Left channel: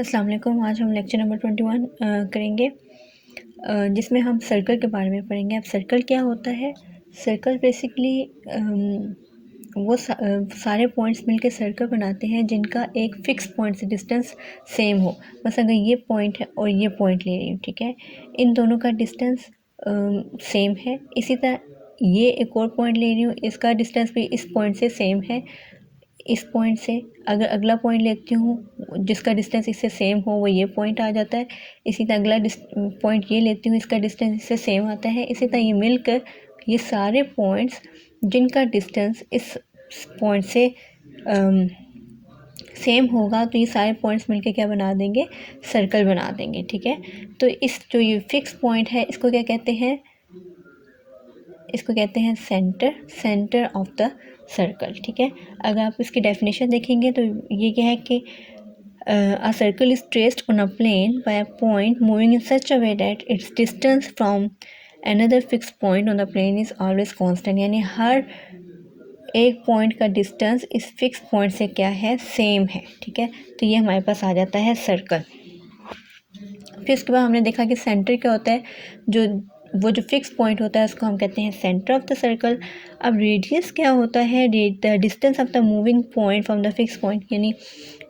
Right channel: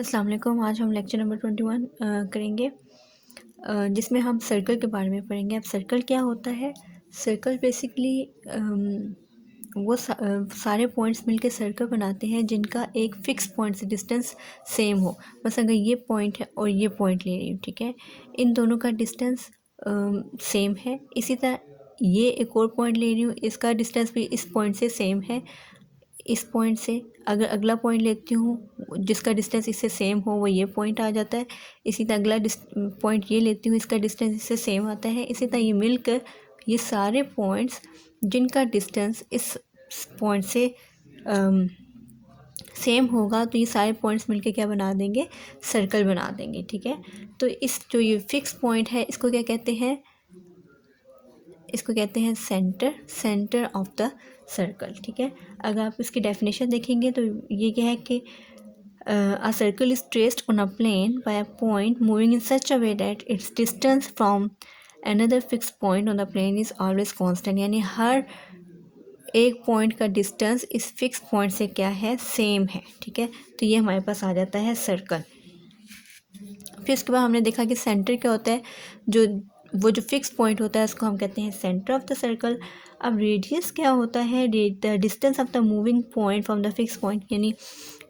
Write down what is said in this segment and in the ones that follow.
अस्सलाम वालेकुम। आज हम लेक्चर नंबर 21 करेंगे, जिसमें हम सर्कल के बारे में पढ़ेंगे। अब सर्कल क्या होता है? सर्कल बेसिकली वो सारे पॉइंट्स मिलके सर्कल बनाते हैं जिनका एक फ़िक्स पॉइंट से डिस्टेंस सेम हो। बस अगर ये पॉइंट है और ये पॉइंट ले रही हूँ, ठीक है, इन दोनों का डिस्टेंस सेम है। इसी तरह ये एक और पॉइंट ले रही हूँ, इसका डिस्टेंस भी इस पॉइंट से सेम है। इस पॉइंट से अगर अगला पॉइंट लेती हूँ जिसका डिस्टेंस इससे सेम हो, वो ये पॉइंट आ जाता है। इसी तरह अगला पॉइंट ये लेती हूँ, इसका डिस्टेंस इससे सेम आता है। इसी तरह ये मिलकर ये सारे पॉइंट्स जिनका डिस्टेंस इस पॉइंट से सेम होगा, तो ये सारे पॉइंट्स मिलके क्या बना देंगे? सर्कल बना देंगे, ठीक है। तो इस जो ये फिक्स पॉइंट है, इसको क्या कहते हैं? इसको कहते हैं सेंटर ऑफ द सर्कल, ठीक है। अगर आप इसकी डेफिनेशन देखेंगे तो ये क्या है कि a circle is traced on a plane by a point moving in such a way that its distance from another fixed point on the plane is always constant। यानी हर एक पॉइंट का डिस्टेंस इस फिक्स पॉइंट से क्या है? Same है, ठीक है। तो ये हमारे पास आ जाता है सर्कल। फिर इसके बाद हमने देखा कि सेंटर क्या होता है। वो जो फिक्स पॉइंट होता है उसको हम कहते हैं सेंटर ऑफ द सर्कल। अब रेडियस क्या होता है? The distance of the moving point from the fix point. यानी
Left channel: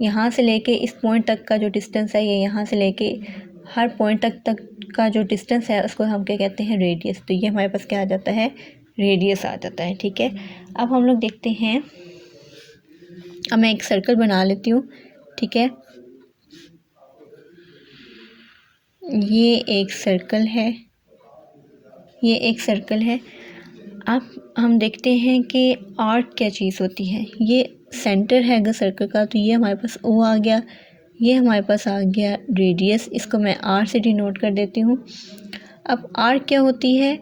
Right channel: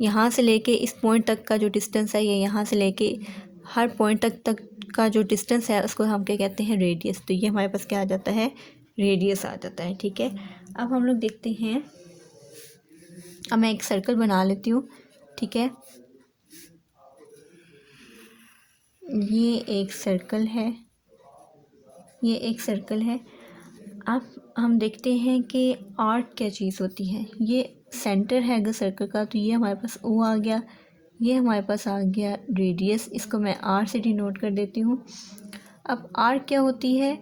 यहाँ से लेके इस पॉइंट तक का जो डिस्टेंस है, ये यहाँ से लेके हर पॉइंट तक का जो डिस्टेंस है उसको हम क्या कहते हैं? रेडियस। तो ये हमारे पास क्या आ जाता है? रेडियस आ जाता है, ठीक है। अब हम लोग देखते हैं, अब मैं एक सर्कल बना लेती हूँ, ठीक है। ये एक सर्कल है, ये एक सर्कल है। अब हम देखते हैं कि आर्क क्या चीज़ होती है। ये सेंटर है अगर सर्कल का, तो ये हमारे पास ओ आ गया, ये हमारे पास आ गया रेडियस। इसको मैं आर से डिनोट कर देती हूँ। अब आर्क क्या होती है?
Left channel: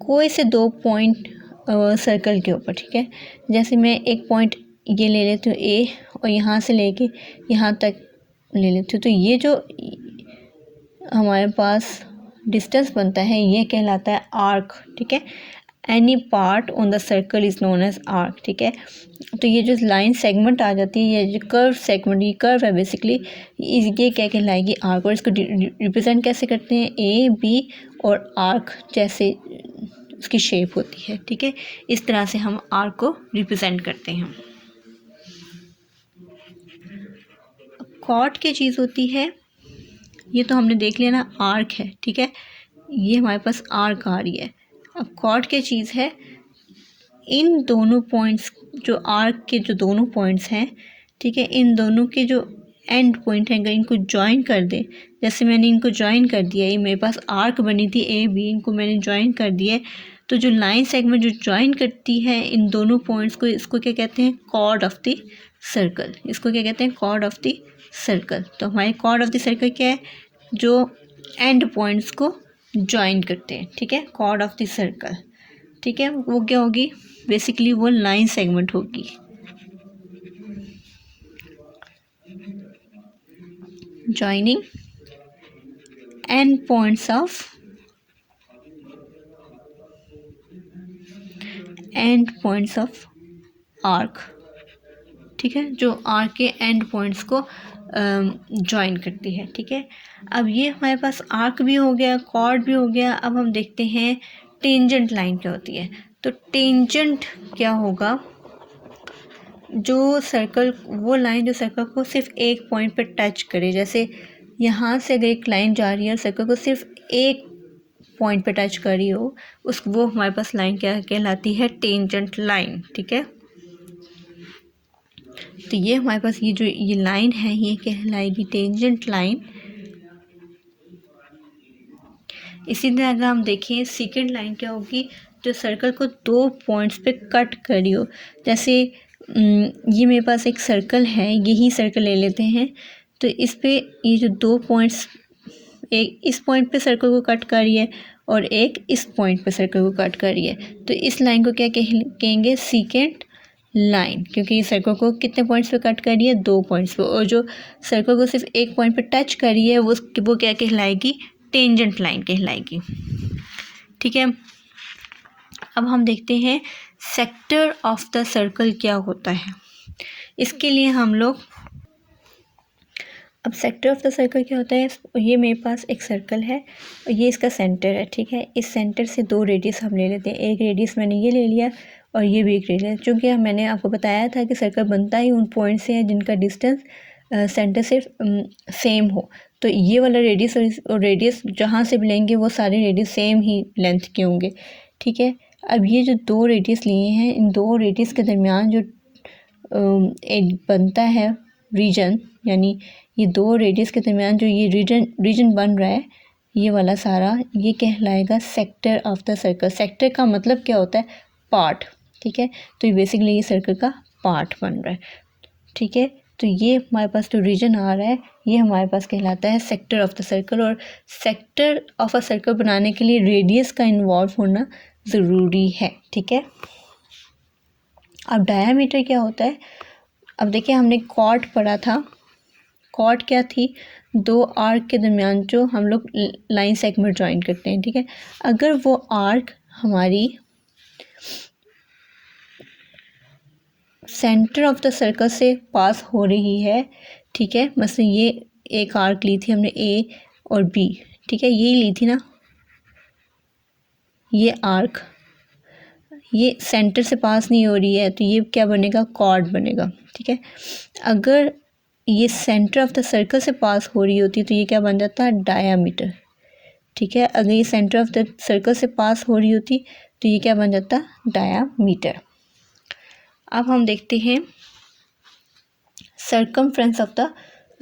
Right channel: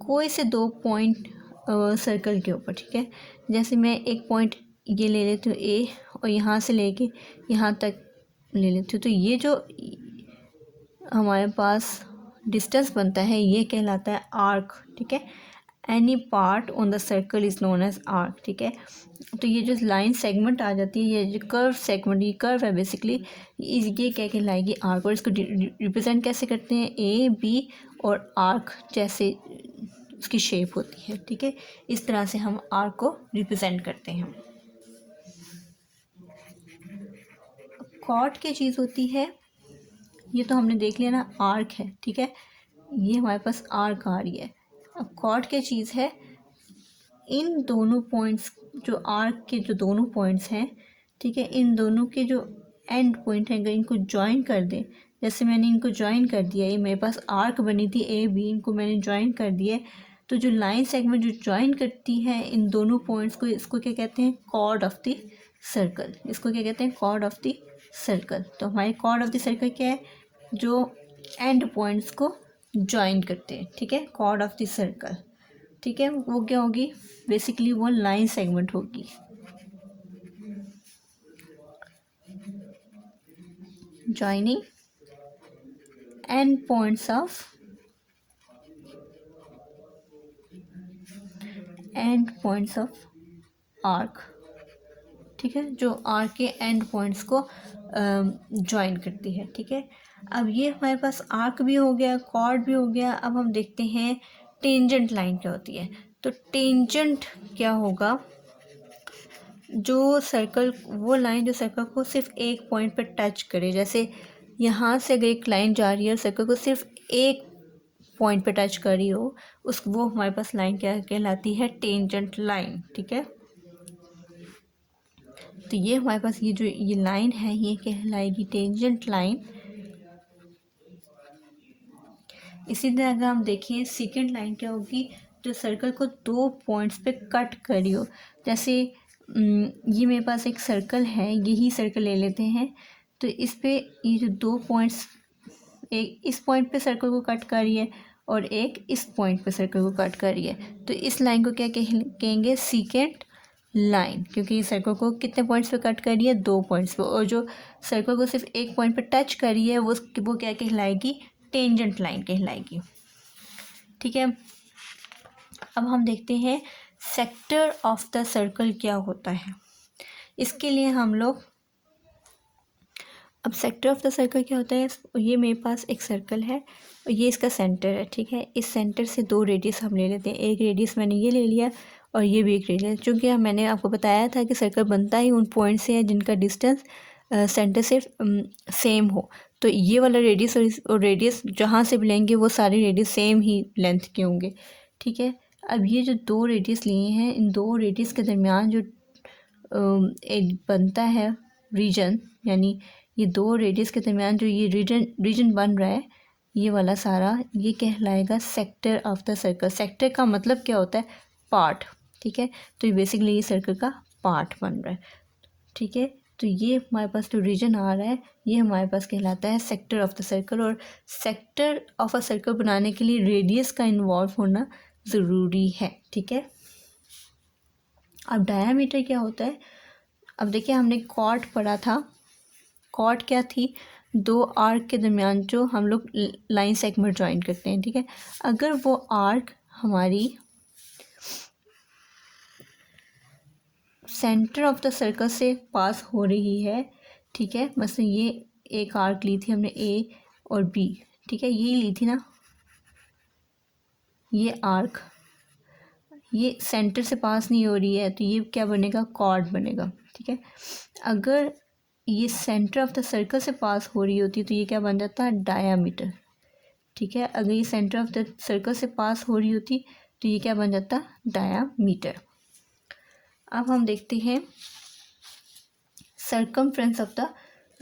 कोई से दो पॉइंट सर्कल के ऊपर, ठीक है। जैसे मैं एक पॉइंट ये ले लेती हूँ ए, और यहाँ से लेके यहाँ तक ले लेती हूँ, तो ये जो हमारे पास डिस्टेंस बनता है ये कहलाता है आर्क, ठीक है। Any part on the circle is known as arc, ठीक है। तो ये जो लाइन सेगमेंट आ जाती है, ये जो कर्व सेगमेंट, ये कर्व है बेसिकली, ये क्या कहलाएगी? आर्क। और इसको रिप्रेजेंट कैसे करते हैं? ए बी और आर्क जैसे उसकी शेप होती है, ठीक है। इस तरह से हम आर्क को रिप्रेजेंट करते हैं। कॉर्ड क्या चीज़ होती है? ये तो हमने देख लिया ना, आर्क है, ठीक है। ये हमारे पास आर्क आ रही है। अब कॉर्ड क्या चीज़ है? इन दोनों पॉइंट्स, जो आर्क के जो दोनों पॉइंट्स हैं, ठीक है, इन दोनों के जो एंड पॉइंट हैं, अगर इनको ज्वाइन कर दे, जैसे मैंने इनको ज्वाइन कर दिया, ये मेरे पास आर्क बनी थी ए बी, इनको मैंने ज्वाइन कर दिया, तो जो लाइन सेगमेंट जो ज्वाइन करती है इन दोनों पॉइंट्स को, इसको क्या कहते हैं? Chord of the circle. इसको क्या कहते हैं? Chord of the circle. तो हमारे कॉर्ड ऑफ द सर्कल क्या है? जो एंड पॉइंट्स को ज्वाइन करते हैं, ठीक है, कॉर्ड ऑफ द सर्कल, ठीक है। वो क्या होगी? बेसिकली वो लाइन सेगमेंट होगी। Joining and points of arc, ठीक है, जो आर्क के एंड पॉइंट्स को ज्वाइन करती है, ठीक है। अब ये हमारे पास आर्क भी हो गया, कॉर्ड भी हो गया। अब हम देखते हैं टेंजेंट लाइन क्या होती है। तो टेंजेंट क्या होगा? जो सर्कल, वो लाइन जो सर्कल को सिर्फ एक पॉइंट पर टच करे। जैसे यहाँ से अगर एक लाइन जा रही है और सर्कल को सिर्फ एक पॉइंट पर टच कर रही हो, वो हमारे पास लाइन क्या कहलाती है? टेंजेंट लाइन, ठीक है। तो ये हमारे पास ये लाइन है, ये कहलाएगी टेंजेंट लाइन। इसी तरह अगर हम देखें सेकंड लाइन क्या होगी? जो सर्कल को दो पॉइंट्स पे कट करी हो। जैसे ये मेरे पास एक सर्कल है, यही सर्कल ले लेते हैं। तो इस पे ये जो दो पॉइंट्स, एक इस पॉइंट पे सर्कल को कट कर रही है और एक इस पॉइंट पे सर्कल को कट कर रही है, तो इस लाइन को क्या कहेंगे? सेकंड लाइन, क्योंकि ये सर्कल को कितने पॉइंट्स पे कट कर रही है? दो पॉइंट्स पे। और जो सर्कल को सिर्फ एक पॉइंट पे टच कर रही है वो क्या कहलाएगी? टेंजेंट लाइन कहलाएगी, ठीक है। अब हम देखते हैं सेक्टर ऑफ द सर्कल क्या होता है। इसके लिए हम लोग अब सेक्टर ऑफ द सर्कल क्या होता है, ये मेरे पास एक सर्कल है और ये इसका सेंटर है, ठीक है। इस सेंटर से दो रेडियस हम ले लेते हैं, एक रेडियस मैंने ये ले लिया और ये भी एक रेडियस, चूँकि मैंने आपको बताया था कि सर्कल बनता ही उन पॉइंट से है जिनका डिस्टेंस सेंटर से सेम हो। तो ये वाला रेडियस और रेडियस जहाँ से भी लेंगे वो सारे रेडियस सेम ही लेंथ के होंगे, ठीक है। अब ये जो दो रेडियस लिए हैं, इन दो रेडियस के दरमियान जो एक बनता है रीजन, यानी ये दो रेडियस के दरमियान जो ये रीजन बन रहा है, ये वाला सारा, ये कहलाएगा sector of the circle. Sector का मतलब क्या होता है, पार्ट, ठीक है। तो ये बेसिकली ये सर्कल का पार्ट बन रहा है, ठीक है। तो ये हमारे पास जो रीजन आ रहा है ये हमारे पास कहलाता है सेक्टर ऑफ द सर्कल। और सेक्टर ऑफ अ सर्कल बनाने के लिए रेडियस का इन्वॉल्व होना ज़रूरी है, ठीक है। अब डायामीटर क्या होता है, अब देखिए हमने कॉर्ड पढ़ा था। कॉर्ड क्या थी, दो आर्क के दरमियान जो हम लोग लाइन सेगमेंट ज्वाइन करते हैं, ठीक है। अगर वो आर्क हमारी सेंटर ऑफ द सर्कल से पास हो रही है, ठीक है, मसलन ये एक आर्क ली थी हमने ए और बी, ठीक है, यही ली थी ना, ये आर्क ये सेंटर से पास नहीं हो रही है तो ये क्या बनेगा, कॉर्ड बनेगा, ठीक है। अगर ये सेंटर ऑफ द सर्कल से पास हो रही होती तो ये क्या बन जाता है, डायामीटर, ठीक है। अगर ये सेंटर ऑफ द सर्कल से पास हो रही होती तो ये क्या बन जाता, डायामीटर। अब हम देखते हैं सर्कमफ्रेंस ऑफ द